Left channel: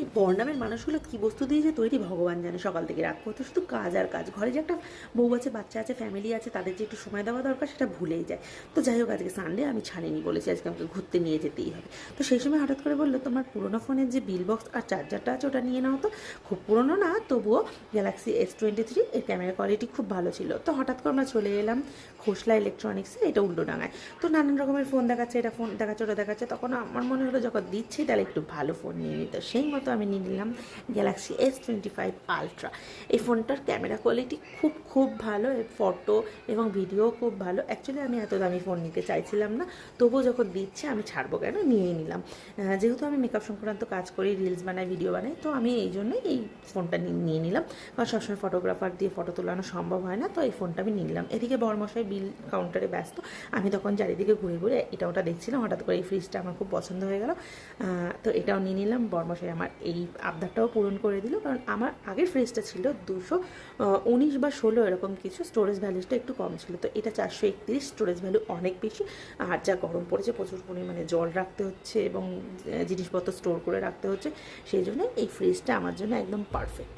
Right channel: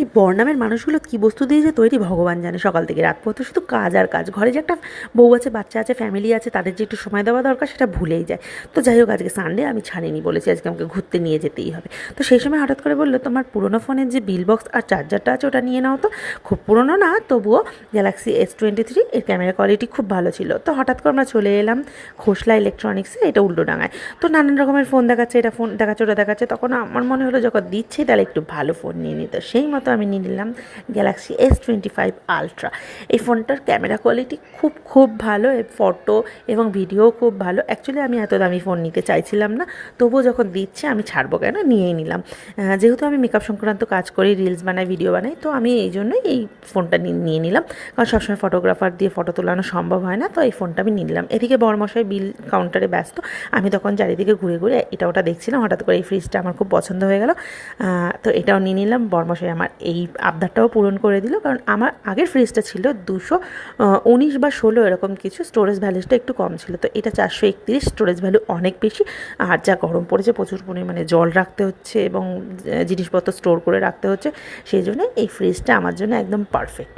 এই বর্ণামের মানুষগুলো কী বস্তু দিয়ে যে তৈরি ভগবান জানে, সকাল থেকে রাত পর্যন্ত শুধু কাজ আর কাজ। ঘরে যে একটা বউ আছে, বাচ্চা আছে, ফ্যামিলি আছে, তাদের যে একটু সময় দেওয়া দরকার সেটা ভুলেই যায়। তো যাই হোক, আজকে সানডে, আমি ছাড়িনি, বলেছি আজকে আমাকে ঘুরতে নিয়ে যেতেই হবে। তো সেই সময় হঠাৎ করে বললো, তোমার পুরোনো ফোনের যে বিল বক্স আর চার্জারটা আছে ওটা নিয়ে নাও তো। খুব পুরোনো না, তবুও গ্যালাক্সি S23, এর ক্যামেরা কোয়ালিটি খুব ভালো ছিল। তো হঠাৎ করে আমরা চলে এলাম খোসলা ইলেকট্রনিক্সে, এটা উল্টোডাঙায়। তো নানান রকমের ফোন দেখাচ্ছে, এটা ফোন দেখাচ্ছে, ওটা দেখাচ্ছে। তখন আমার মনে হলো যখন দিচ্ছি তাহলে একটু ভালো ফোন নিয়ে নিই। তো সেই মতো আমি নিয়ে নিলাম গ্যালাক্সি S25 আলট্রা। এই ফোনটার ক্যামেরা কোয়ালিটি খুব খুব ভালো, ফটো এবং ভিডিও খুব ভালো। অ্যাকচুয়ালি আমি এত দামি ফোন নিতে চাইছিলাম না, তবুও যখন দিচ্ছে আমি ছাড়বো কেন, নিয়েই নিলাম। যেহেতু আমি মেকআপ সংক্রান্ত কাজ করি, রিলস বানাই, ভিডিও বানাই, তো আমি এই জন্যই এই ফোনটা নিয়ে নিলাম। কারণ সবসময় ফটোগ্রাফার দিয়ে ফটো তোলানো সম্ভব হয় না, তো এই ফোনটা আমি নিয়ে নিলাম। এদিকে বড়মশাই বিল কাউন্টারে ব্যস্ত, আমি তখন চারিদিকে ঘুরে ঘুরে এটা ওটা দেখছিলাম। হঠাৎ করে এই ফ্রিজটা আমার খুব পছন্দ হয়ে গেল, তো এটাও নিয়ে নিলাম। বড়মশাই আমার এই আবদারটাও পূরণ করে দিল, কারণ আমার আগের ফ্রিজটা ছিল 219 বা 16 এরকম কিছু, স্টোরেজ ভ্যালুটা একটু কম ছিল। তো এটা 431, স্টোরেজ ভ্যালু অনেক বেশি। আর যা গরম পড়েছে, প্রচুর পরিমাণে জল রাখতে হচ্ছে এবং জিনিসপত্র স্টোর করে রাখতে হচ্ছে, সেই জন্য এই ফ্রিজটা আমার জন্য একদম পারফেক্ট।